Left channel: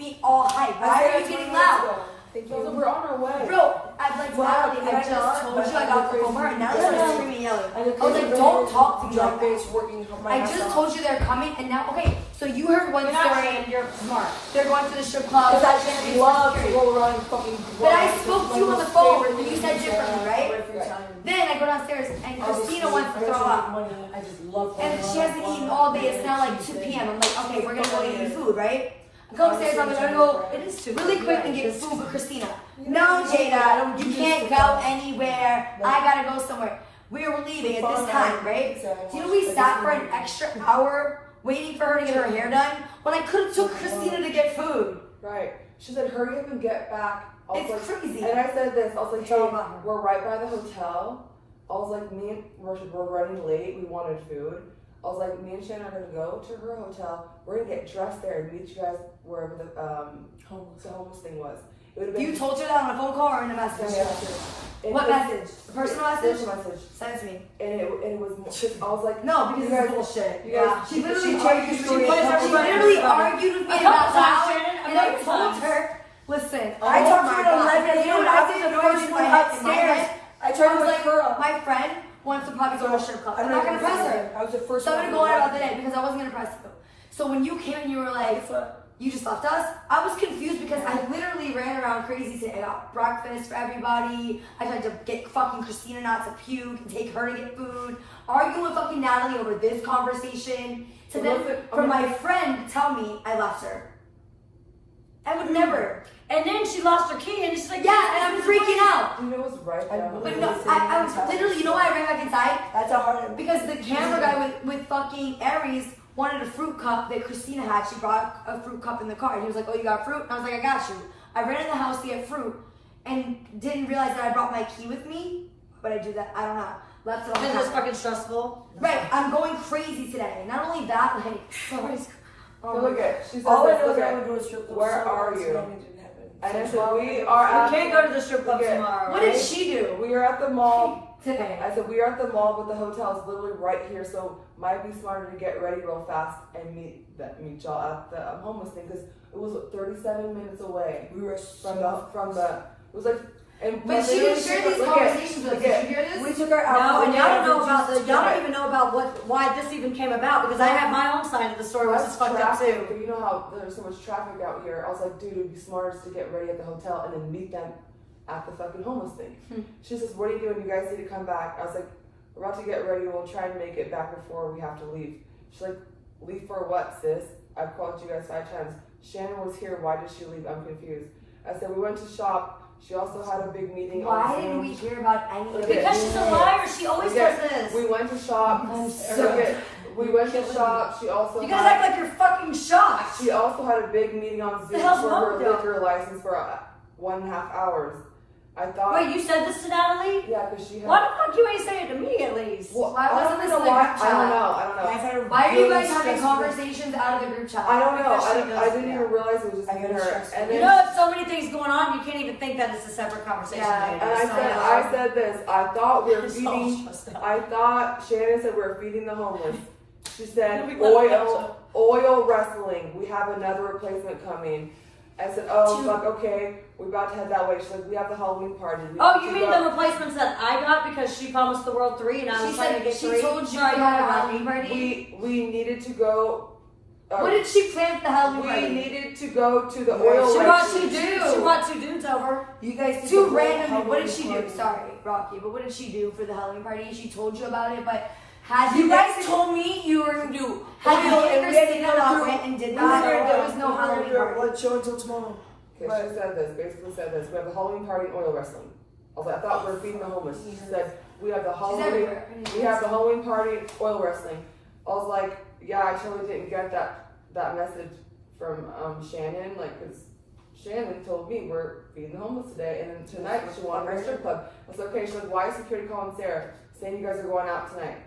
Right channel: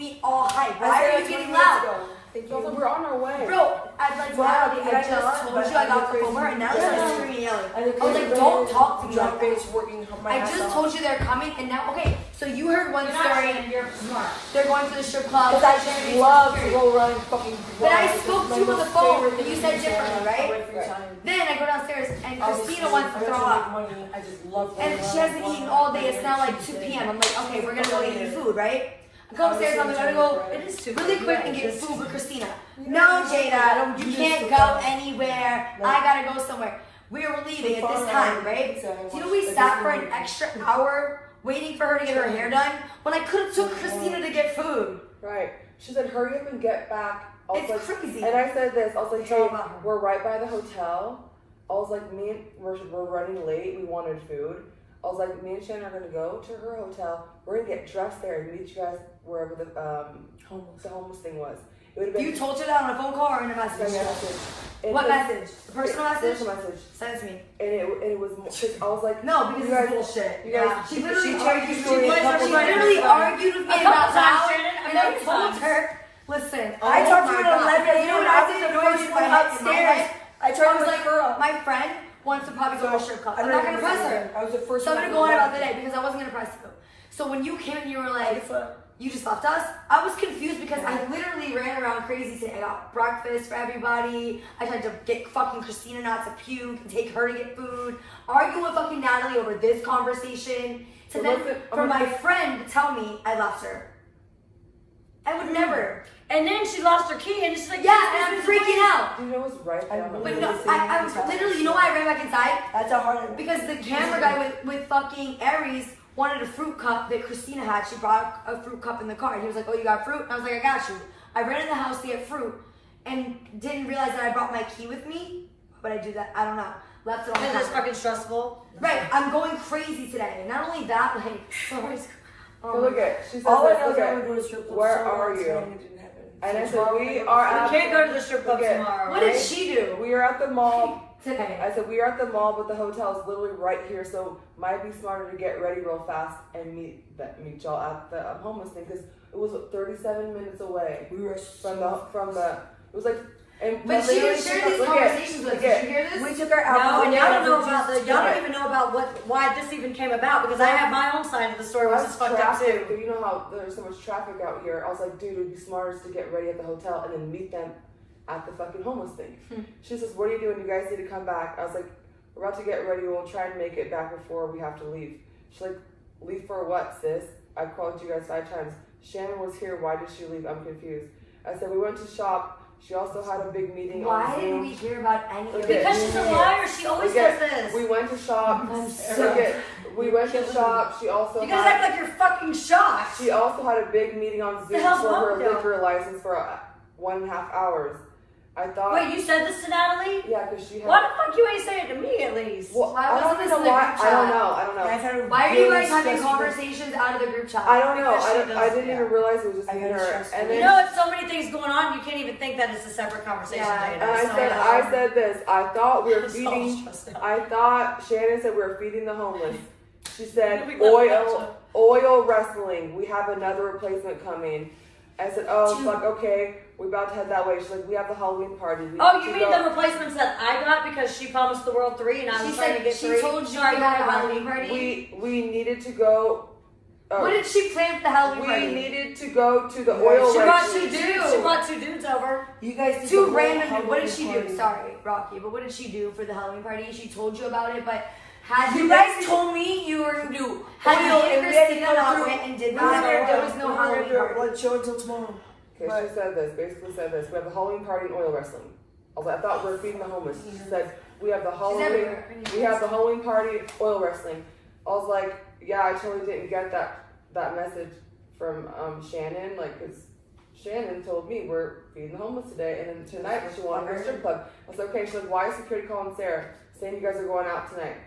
me all hype. Why are you getting loud? We're on our way. Bro, I just told you I got the Uber and now they're screaming and yelling. I was like, don't talk to me like that. I just told you they're coming and now, okay, so you heard one story. You're smart. They're going to the strip club. Because I just love to roll around and fucking. But I spoke to you on the phone and you said differently, right? Then I go downstairs and Christina wants to throw up. I just love And she hasn't eaten all day. It's now like 2 p.m. I'm like, okay, we're gonna go eat you food, right? I go upstairs, I'm gonna go really quick and get food for Christina. No, Jada, you can't go anywhere. I gotta go somewhere. We were leaving at this time, right? Do you know we sat for an extra hour waiting for her to get her hair done when I could have took Christina to get food? Right. She said, hurry up and get back. It's crazy. And I said this, I was like, hey, we're right by the hotel. I was like, we're running late, we wanted food. I was like, me and Shannon are gonna go to her hotel. We're gonna get dressed there and meet you guys wherever the homeless thing was. You told her that on a phone call or in a message? What message? A personal message? Personal message. Send it to me. And it was. I was like, no, because it's bullshit. Yeah. She literally argued with me about how, and I told her, listen, I talked to her at 11 a.m. and I was in the noise in my head upstairs. I tried to like her. My friend wants to probably go to a strip club. I'm not gonna press her. I was the first. So I'm gonna go on about the day because I wasn't gonna press you. So when you came and you were like, you just left us, I was confused because I literally ran around crazy saying I got breakfast for everybody. I tried to get fucking Christina not to puke and take her to get food. Arguing with fucking Natalie over this conversation. So then for my friend to tell me I left her. I would never. And then she lost her key and she's like, yeah, and I'm freaking out. You know, it was right there. But no, I was literally, you know why I ran back inside? That's a hard. Because the camera guy with fucking Aries wanted a fruit cup that Christina had. She brought a fruit cup in the car. And he was like, oh, you got fruit? And I was like, I got you. I ran in the house to get fruit and didn't realize that I brought my key with me. But I do that, I don't know. Left it on the Because it's fucking stressful. Right, I'm going crazy today. Not only that, like, look at, she said, all I know is I'm going to go to strip club. Where are you? And I said, we are. We can't go to the strip club tomorrow. What did she do? We are at the mall today. I said, we are at the mall, but the hotel is literally right here, so might be smarter to get ready real fast and meet y'all at the homeless thing because it was 37 minutes away. We were from the. It was like. But she didn't share these conversations with us. Did you hear this? We took her out. No, and y'all don't know about y'all don't even know about why this even came about because I have my own side of the story, which is fucked up too. You know how there's so much traffic out here. I was like, dude, it'd be smarter to get ready at the hotel and then meet them at the fucking homeless thing. She says, what are you doing? You guys need to come back. I was like, we're about to get ready. We'll try and make it back before we have to leave. She's like, leave for what, sis? I called you guys 5 times. Shannon was here. Why did she leave? I'm confused. I said, we went to shop. She also had a big meeting. Why didn't we hear about any of it? Because she's a liar. She always does this. We went to shop. We went to shop. She also. You guys act like you're fucking shocked. She also had a big meeting on Zoom for her liquor license for 1.5 hours. I thought. Wait, you said this to Natalie? Yeah, because she had. Why the fuck you ain't saying it to me at least? Well, why wasn't this in the group chat? I don't know. Why are you guys having conversations out of the group chat? I don't know. I didn't even realize it was just her. And you know, it's so many things going on, you can't even think that it's a separate conversation. And I said this. I thought we were feeding. I thought Shannon said we were feeding the homeless. She said oil wrestling. We have another replacement coming. I said, oh, fuck, okay, we're about to head that way. She's like, we have the Halloween party. Oh, you mean the replacements that I got because she promised the world 3 and I was trying to get 3? She told you I had a Halloween party? We needed to go. What did she plan for the Halloween party? We needed to go to the oil. She brought 2 dudes. She brought 2 dudes over. You guys 2 random. What did she do? Sorry, Rocky, but what did she do for the Halloween party? She told you about it, but you guys told me you were going to do. Had you and Christina not went and did that, there was no Halloween party. Let's show until tomorrow. Okay, she said this, basically said this. We have the Halloween party and oil wrestling. I was like, I thought we were feeding the homeless. She said, we have the Halloween party, oil wrestling. I was like, yeah, I totally didn't get that message from Shannon, like, because Shannon told me we're feeding the homeless today, and then tonight she wanted a strip club. I said, okay. She's like, why is security calling Sarah saying you guys are going out tonight?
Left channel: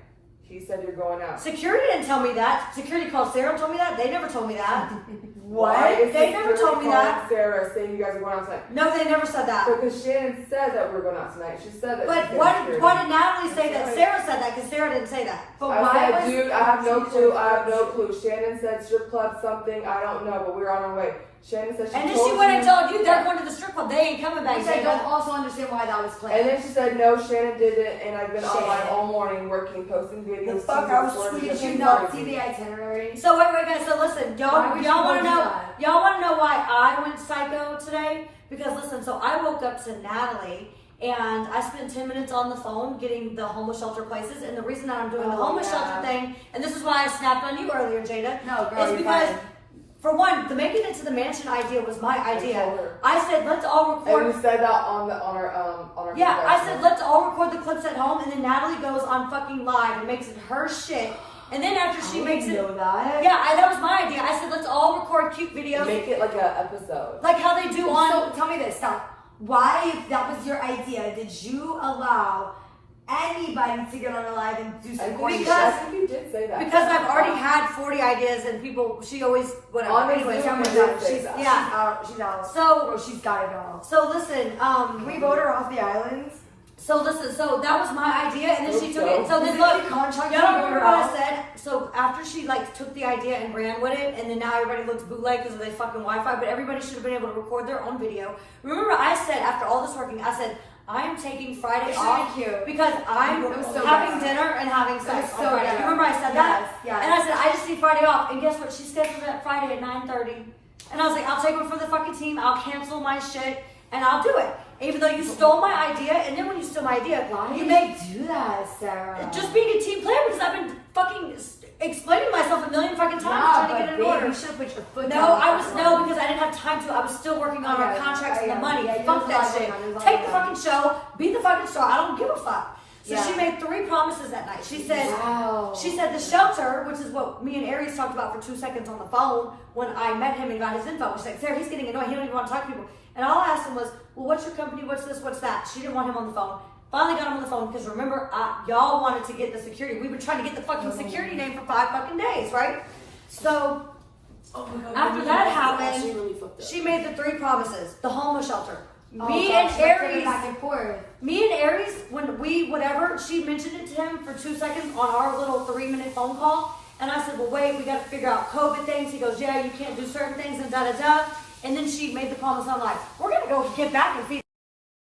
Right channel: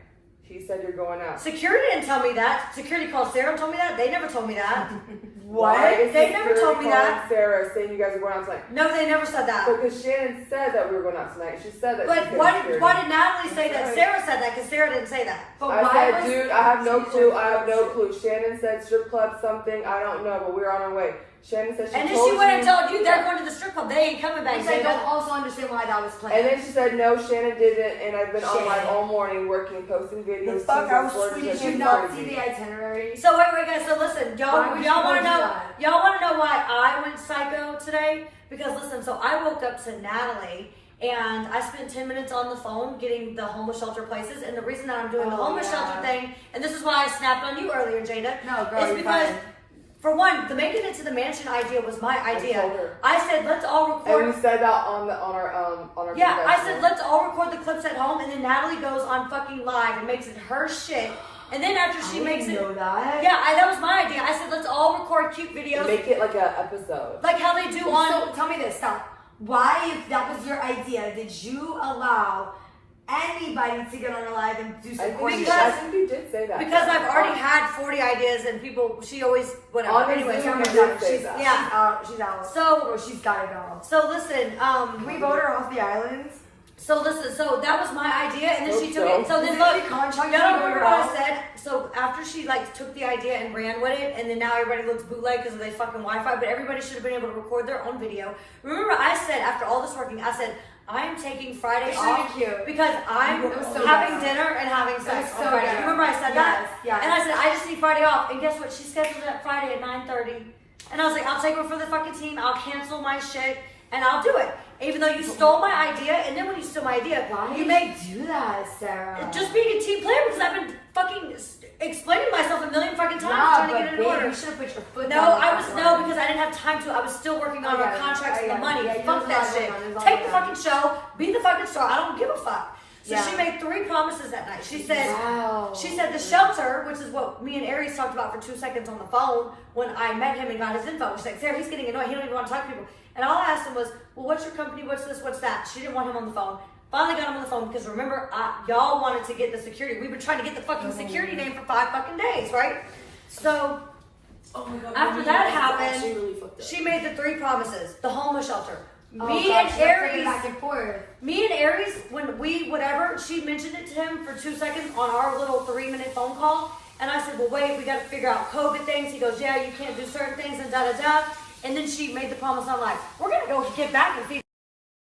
He said you're going out. Security didn't tell me that. Security called Sarah and told me that. They never told me that. Why is They never told me calling that. Sarah saying you guys are going out tonight. No, they never said that. So, because Shannon said that we were going out tonight. She said that. But why did Natalie say that? Sarah said that because Sarah didn't say that. But I why said, was dude, I have no clue. I have no clue. Shannon said strip club something. I don't know, but we're on our way. Shannon said she And then told she went you- and told you they're going to the strip club. They ain't coming back. Which I don't Jada. also understand why that was planned. And then she said, no, Shannon didn't, and I've been online Shannon. all morning working, posting videos. The fuck, She's I was uploading sweet. videos. Did you She's not crazy. see the itinerary? So wait, guys. So listen, Why y'all would you want to do know? that? Y'all want to know why I went psycho today? Because listen, so I woke up to Natalie. And I spent 10 minutes on the phone getting the homeless shelter places. And the reason that I'm doing the homeless shelter thing, and this is why I snapped on you earlier, Jada, No, girl, is you're because, fine. for one, the making it to the mansion idea was my idea. I said, let's all And record. we said that on our Yeah, I podcast. said, let's all record the clips at home. And then Natalie goes on fucking live and makes it her shit. And then after she I makes didn't it. know that. Yeah, that was my idea. I said, let's all record cute videos. Make it like an episode. Like how they do on. So tell me this, stop. Why, if that was your idea, did you allow anybody to get on a live and do some Because- I think you did say that. Because I've already had 40 ideas and people, she always, whatever. Honestly, Anyways, I'm okay. done. She's Yeah. out. She's out. So- Bro, she's gotta go. So listen, Can we vote her off the islands? so that was my idea, and then she took it. So then Is look, it contract y'all to don't vote remember her what I out? said? So after she like took the idea and ran with it, and then now everybody looks bootleg because of their fucking Wi-Fi, but everybody should have been able to record their own video. Remember I said after all this working, I said, I am taking Friday It should be off cute. because I'm It was so having bad. dinner and having sex was on so Friday. bad. Remember I said that? Yes, yes. And I said, I just need Friday off. And guess what? She scheduled that Friday at 9:30. And I was like, I'll take one for the fucking team. I'll cancel my shit and I'll do it. Even though you stole my idea, and then when you stole my idea, Why you did make you do that, Sarah? just being a team player because I've been fucking explaining myself a million fucking times trying to get it in order. You should have put your foot No, down. I was because I didn't have time to. I was still working on our Okay, contracts and the okay. money. Yeah, you Fuck was that not shit. going on, it was Take all the going fucking show. Be the fucking star. I don't give a fuck. So Yeah. she made 3 promises that night. She said, Wow. she said the shelter, which is what me and Aries talked about for 2 seconds on the phone when I met him and got his info. She's like, Sarah, he's getting annoyed. He don't even want to talk to people. And all I asked him was, well, what's your company? What's this? What's that? She didn't want him on the phone. Finally got him on the phone because remember, y'all wanted to get the security. We've been trying to get the fucking security name for 5 fucking days, right? So Oh my God, after you that really happened, really fucked up. she made the 3 promises. The homeless shelter. Oh, Me God, and she's like flipping Aries. back and forth. Me and Aries, when she mentioned it to him for 2 seconds on our little 3-minute phone call. And I said, well, wait, we got to figure out COVID things. He goes, yeah, you can't do certain things and da-da-da. And then she made the promise. I'm like, we're going to go get back and feed.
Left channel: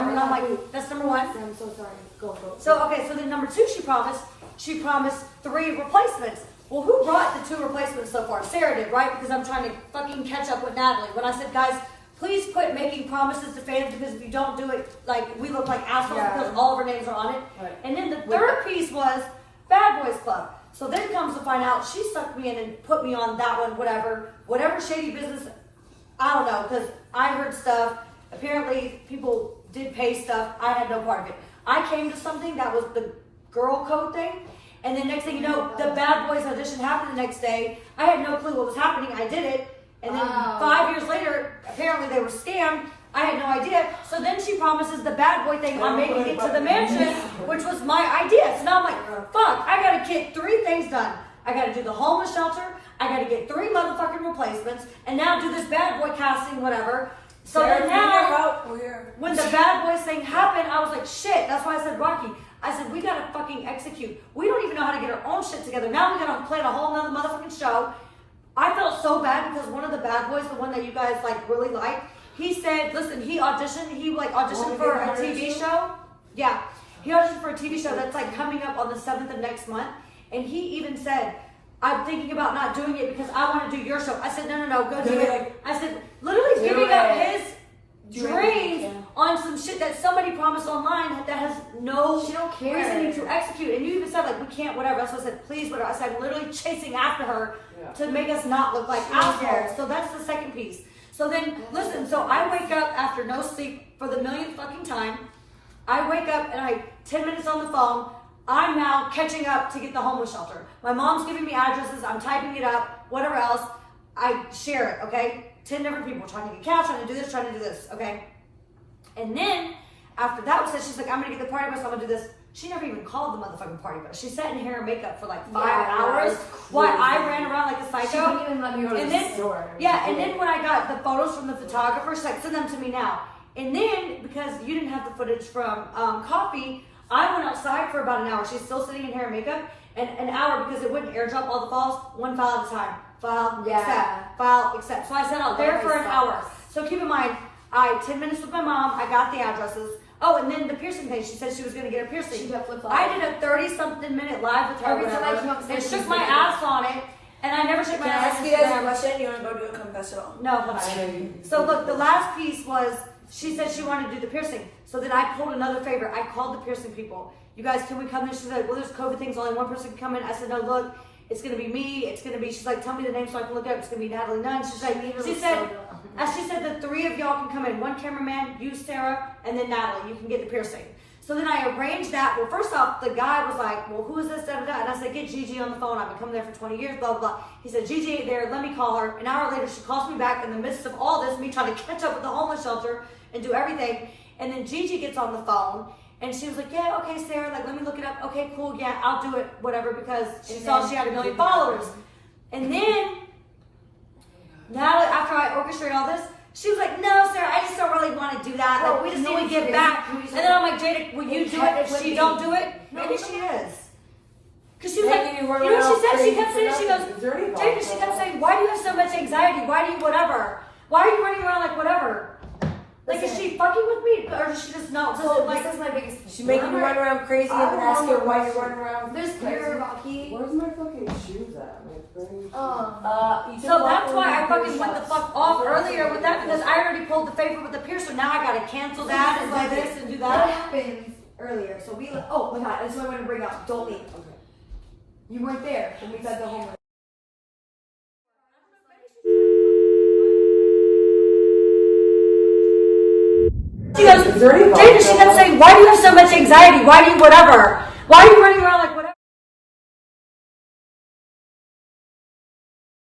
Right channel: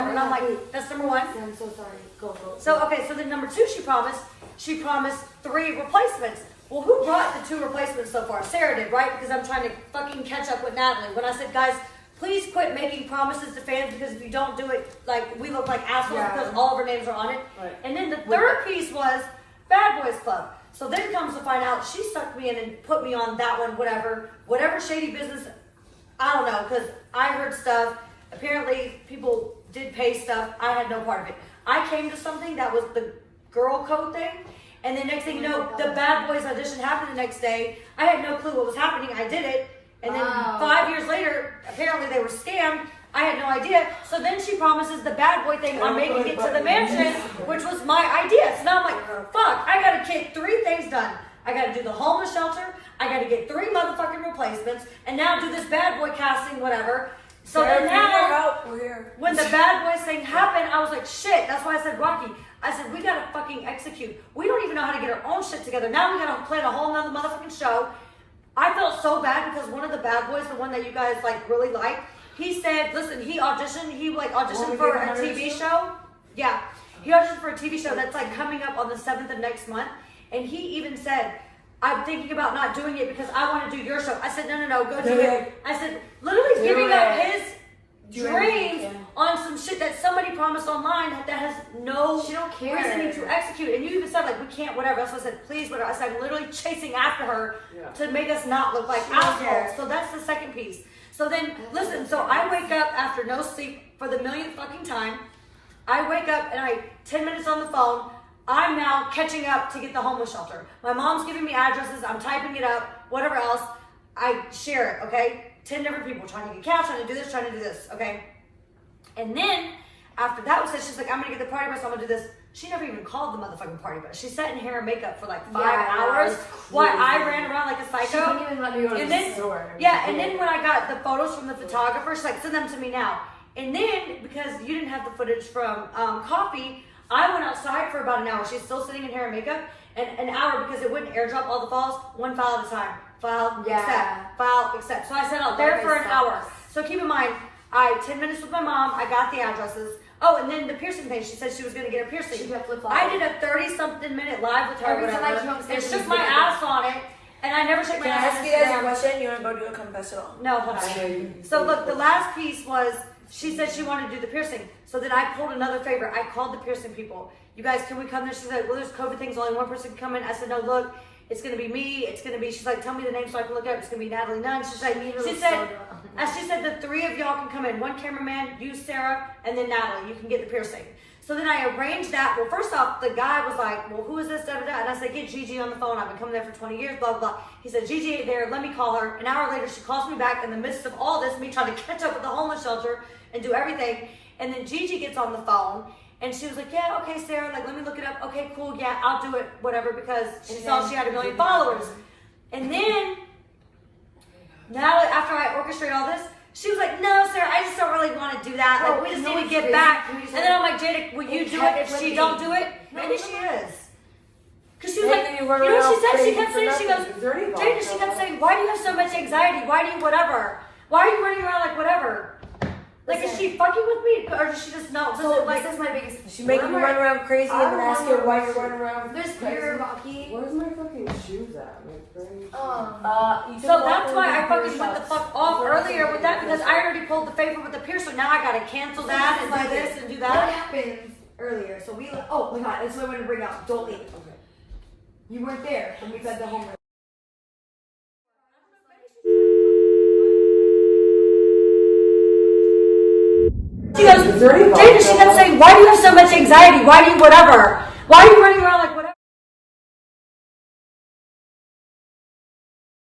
And I'm like, that's number 1. I'm so sorry. Go. So, okay, so then number 2, she promised 3 replacements. Well, who brought the 2 replacements so far? Sarah did, right? Because I'm trying to fucking catch up with Natalie. When I said, guys, please quit making promises to fans because if you don't do it, like, we look like assholes Yeah. because all of our names are on it. Right. And then the 3rd piece was Bad Boys Club. So then comes to find out she sucked me in and put me on that one, whatever shady business. I don't know, because I heard stuff. Apparently, people did pay stuff. I had no part of it. I came to something that was the girl code thing. And then next thing you know, the Bad Boys audition happened the next day. I had no clue what was happening. I did it. And then Wow. 5 years later, apparently they were scammed. I had no idea. So then she promises the bad boy thing on making it to the mansion, which was my idea. So now I'm like, fuck, I gotta get 3 things done. I gotta do the homeless shelter. I gotta get 3 motherfucking replacements. And now do this bad boy casting, whatever. So Sarah, then if you need now, help, we're here. when the bad boys thing happened, I was like, shit. That's why I said, Rocky, I said, we gotta fucking execute. We don't even know how to get our own shit together. Now we gotta plan a whole nother motherfucking show. I felt so bad because one of the bad boys, the one that you guys like really liked, he said, listen, he auditioned for a TV show. Yeah. He auditioned for a TV show that's like coming up on the 7th of next month. And he even said, I'm thinking about not doing it because I want to do your show. I said, no, go do it. I said, literally giving up his dreams on some shit that somebody promised online that has no She don't care. reasoning to execute. And you even said, like, we can't, whatever. So I said, please, whatever. I said, I'm literally chasing after her to make us not look like She don't care. assholes. So that's the second piece. So then, listen, so I wake up after no sleep for the millionth fucking time. I wake up and 10 minutes on the phone. I'm now catching up to get the homeless shelter. My mom's giving me addresses. I'm typing it up, whatever else. I share it, okay? 10 different people trying to get couch, trying to do this, okay? And then after that was said, she's like, I'm gonna get the party bus, I'm gonna do this. She never even called the motherfucking party, but she sat in hair and makeup for like 5 Yeah, hours while I ran around like a She psycho. wouldn't even let me go to And the then, store. yeah, and then when I got the photos from the photographer, she's like, send them to me now. And then, because you didn't have the footage from Coffee, I went outside for about an hour. She's still sitting in hair and makeup, and an hour because it wouldn't airdrop all the files, one file at a time. File, accept. So I sat out there for an hour. So keep in mind, I 10 minutes with my mom, I got the addresses. Oh, and then the piercing thing, she said she was gonna get a piercing. She got flip-flops. I did a 30-something minute live with her, Every time I whatever, came upstairs, and she shook was my making ass on it, and I never shook my Can I ass ask on you guys a Instagram. question? You want to go do a confessional? No, hold on. So look, the last piece was, she said she wanted to do the piercing. So then I pulled another favor. I called the piercing people. You guys, can we come there? She's like, well, there's COVID things. Only one person can come in. I said, no, look, it's going to be me. It's going to be, she's like, tell me the name so I can look up. It's going to be Natalie Nunn. She's like, she said the three of y'all can come in. One cameraman, you, Sarah, and then Natalie. You can get the piercing. So then I arranged that. Well, first off, the guy was like, well, who is this? Da, da, da. And I said, get Gigi on the phone. I've been coming there for 20 years, blah, blah, blah. He said, Gigi ain't there. Let me call her. An hour later, she calls me back in the midst of all this, me trying to catch up with the homeless shelter and do everything. And then Gigi gets on the phone. And she was like, yeah, okay, Sarah, like, let me look it up. Okay, cool, yeah, I'll do it, whatever, because she saw she had 1 million followers. And then, Natalie, after I orchestrate all this, she was like, no, Sarah, I just don't really want to do that. Like, we just need to get back. And then I'm like, Jada, will you do it if she don't do it? Maybe she is. Because she was like, you know what she said? She kept saying, she goes, Jada, she kept saying, why do you have so much anxiety? Why do you whatever? Why are you running around like whatever? Like, is she fucking with me, or does she just know? So like, this is my biggest. She making you run around crazy and then ask you why you're running around. There's pure Rocky. Where's my fucking shoes at? My friend. so that's why I fucking went the fuck off earlier with that, because I already pulled the favor with the piercer. Now I gotta cancel that and do this and do What that. happened earlier? So we. Oh my god! That's what I'm gonna bring up. Don't leave. Okay. You weren't there when we fed the homeless. She goes, Jada, she kept saying, why do you have so much anxiety? Why do you whatever? Why are you running around